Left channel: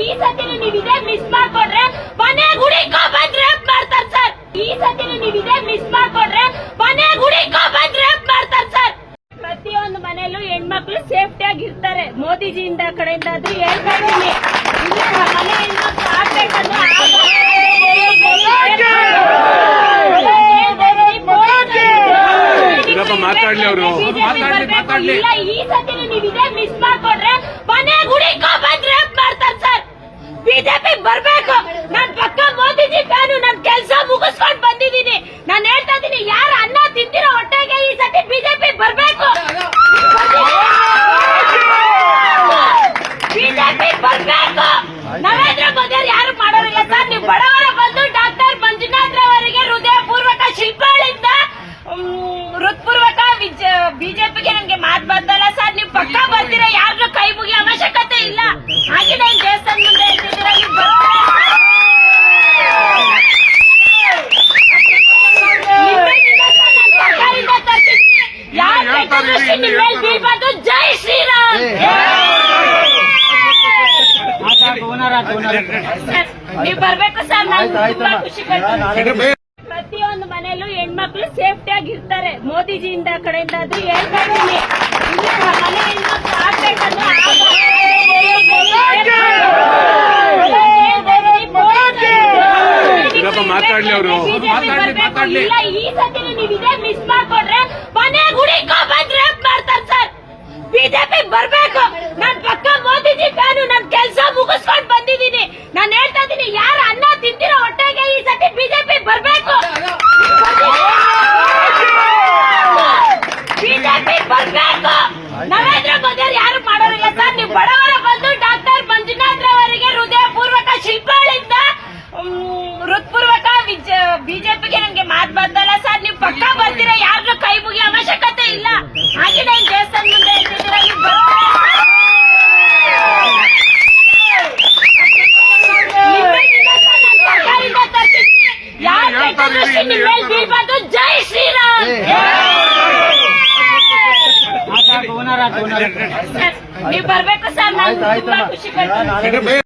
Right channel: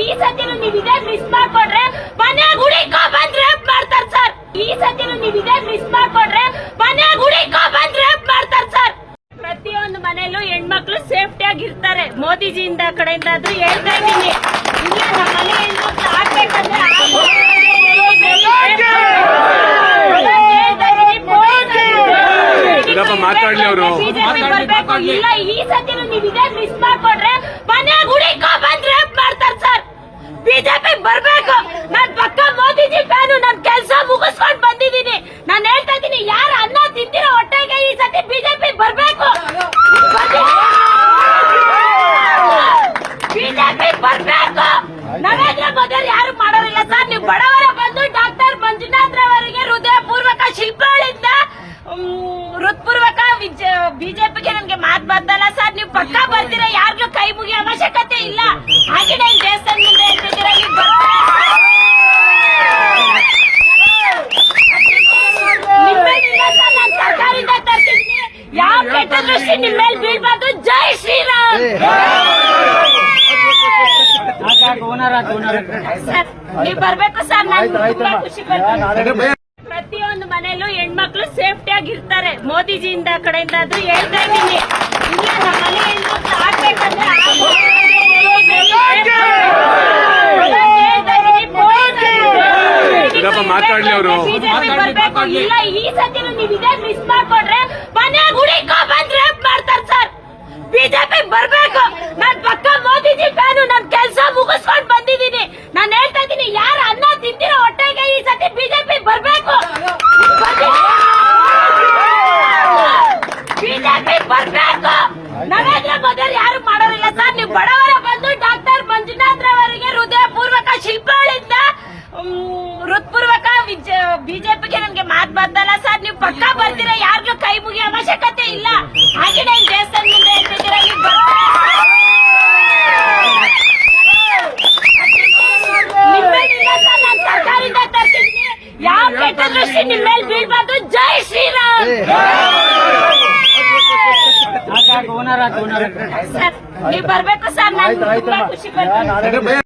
ಈ ಸತಿನು ನೀವಿದೆ ಮಿಸ್ ಮಾಡ್ಕೊಂಡ್ರೆ ಮನೆ ಗುಡಿಕೋ ಬಂದ್ ರೇಪ್ ಮಾಡ್ತಾರ ಸರ್. ಈ ಸತಿನು ನೀವಿದೆ ಮಿಸ್ ಮಾಡ್ಕೊಂಡ್ರೆ ಮನೆ ಗುಡಿಕೋ ಬಂದ್ ರೇಪ್ ಮಾಡ್ತಾರ ಸರ್. ಪ್ರತಿಯೊಂದು ಮನೆಯಲ್ಲೂ ಹೆಣ್ಮಕ್ಳು ಸೇಫ್ಟಿ ಆಗಿರ್ತಾರೆ. ಮೋದಿಜಿಯಿಂದ ಕಡೆಯಿಂದ ಆದ್ರೂ ಹೇಳ್ತಾ ಇದ್ದೀನಿ, ಇಲ್ಲ ನಮ್ಮ ಮನೆ ಹೆಣ್ಮಕ್ಳು ಆಗ್ಬೇಕಂದ್ರೆ ಇಲ್ಲ. ಈ ಸತಿನು ನೀವಿದೆ ಮಿಸ್ ಮಾಡ್ಕೊಂಡ್ರೆ ಮನೆ ಗುಡಿಕೋ ಬಂದ್ ರೇಪ್ ಮಾಡ್ತಾರ ಸರ್. ಬಿಜೆಪಿ ಬರ್ಬೇಕು. ನಾನ್ ಪಕ್ಕ ಮೋದಿಜಿ ಫ್ಯಾನು. ನನ್ ಕೆಲಸ ಮುಗಿಸ್ಕೊಂಡ್ ಬಂದಿದ್ದೀನಿ. ನಾನು ಹೇಳ್ತಾ ಇದ್ದೀನಿ, ಯಾರು ಅನ್ನ ತಿಂದಿರೋ ಹೊಟ್ಟೆಗೆ ಈ ಸತಿ ಬಿಜೆಪಿ ಬರ್ಬೇಕು. ಬಿಜೆಪಿ ಬರ್ಬೇಕು. ನರೇಂದ್ರ ಮೋದಿ ಯಾರು ಮಾಡೋರಿಲ್ಲ ಸರ್. ನೀವು ಬಡವರ ಬಂದು ಡಾಕ್ಟರ್ ಮಂಜುನಾಥ್ ರವರಿಗೆ ಹೃದಯಪೂರ್ವಕ ಶಿಲ್ಪಗಳಿಂದ ಹೃತ್ಪೂರ್ವಕ ಬಿಜೆಪಿಗೆ ನಮ್ಗೆ ಮಾತು ಬರ್ತಲ್ಲ ಸರ್. ನೀವು ಪಕ್ಕ ಬರ್ತೀರಾ, ಯಾರಿಗೂ ಕೈ ಮುಗಿಯೋ ಅವಶ್ಯಕತೆ ಇಲ್ಲ. ಹಾಗೆ ನಾನು ದೇವಸ್ಥಾನ ಮುಂದೆ ಹೇಳ್ತಿದ್ರಲ್ಲಿ ಸರ್ಕಾರದಿಂದ ತರ್ತಿದ್ದೀನಿ. ಯಾವ ಕೆಟ್ಟ ದೃಷ್ಟಿ ನಿಮ್ಮ ಮೇಲೆ ಬೀಳ್ಬಾರ್ದು. ಜೈ ಶ್ರೀರಾಮ್. ನೀವು ಬರ್ಬೇಕು ಸರ್. ನಾನು ತುಂಬಾ ಖುಷಿ ಪಡ್ತೀನಿ. ಪ್ರತಿಯೊಂದು ಮನೆಯಲ್ಲೂ ಹೆಣ್ಮಕ್ಳು ಸೇಫ್ಟಿ ಆಗಿರ್ತಾರೆ. ಮೋದಿಜಿಯಿಂದ ಕಡೆಯಿಂದ ಆದ್ರೂ ಹೇಳ್ತಾ ಇದ್ದೀನಿ, ಇಲ್ಲ ನಮ್ಮ ಮನೆ ಹೆಣ್ಮಕ್ಳು ಆಗ್ಬೇಕಂದ್ರೆ ಇಲ್ಲ. ಈ ಸತಿನು ನೀವಿದೆ ಮಿಸ್ ಮಾಡ್ಕೊಂಡ್ರೆ ಮನೆ ಗುಡಿಕೋ ಬಂದ್ ರೇಪ್ ಮಾಡ್ತಾರ ಸರ್. ಬಿಜೆಪಿ ಬರ್ಬೇಕು. ನಾನ್ ಪಕ್ಕ ಮೋದಿಜಿ ಫ್ಯಾನು. ನನ್ ಕೆಲಸ ಮುಗಿಸ್ಕೊಂಡ್ ಬಂದಿದ್ದೀನಿ. ನಾನು ಹೇಳ್ತಾ ಇದ್ದೀನಿ, ಯಾರು ಅನ್ನ ತಿಂದಿರೋ ಹೊಟ್ಟೆಗೆ ಈ ಸತಿ ಬಿಜೆಪಿ ಬರ್ಬೇಕು. ಬಿಜೆಪಿ ಬರ್ಬೇಕು. ನರೇಂದ್ರ ಮೋದಿ ಯಾರು ಮಾಡೋರಿಲ್ಲ ಸರ್. ನೀವು ಬಡವರ ಬಂದು ಡಾಕ್ಟರ್ ಮಂಜುನಾಥ್ ರವರಿಗೆ ಹೃದಯಪೂರ್ವಕ ಶಿಲ್ಪಗಳಿಂದ ಹೃತ್ಪೂರ್ವಕ ಬಿಜೆಪಿಗೆ ನಮ್ಗೆ ಮಾತು ಬರ್ತಲ್ಲ ಸರ್. ನೀವು ಪಕ್ಕ ಬರ್ತೀರಾ, ಯಾರಿಗೂ ಕೈ ಮುಗಿಯೋ ಅವಶ್ಯಕತೆ ಇಲ್ಲ. ಹಾಗೆ ನಾನು ದೇವಸ್ಥಾನ ಮುಂದೆ ಹೇಳ್ತಿದ್ರಲ್ಲಿ ಸರ್ಕಾರದಿಂದ ತರ್ತಿದ್ದೀನಿ. ಯಾವ ಕೆಟ್ಟ ದೃಷ್ಟಿ ನಿಮ್ಮ ಮೇಲೆ ಬೀಳ್ಬಾರ್ದು. ಜೈ ಶ್ರೀರಾಮ್. ನೀವು ಬರ್ಬೇಕು ಸರ್. ನಾನು ತುಂಬಾ ಖುಷಿ ಪಡ್ತೀನಿ.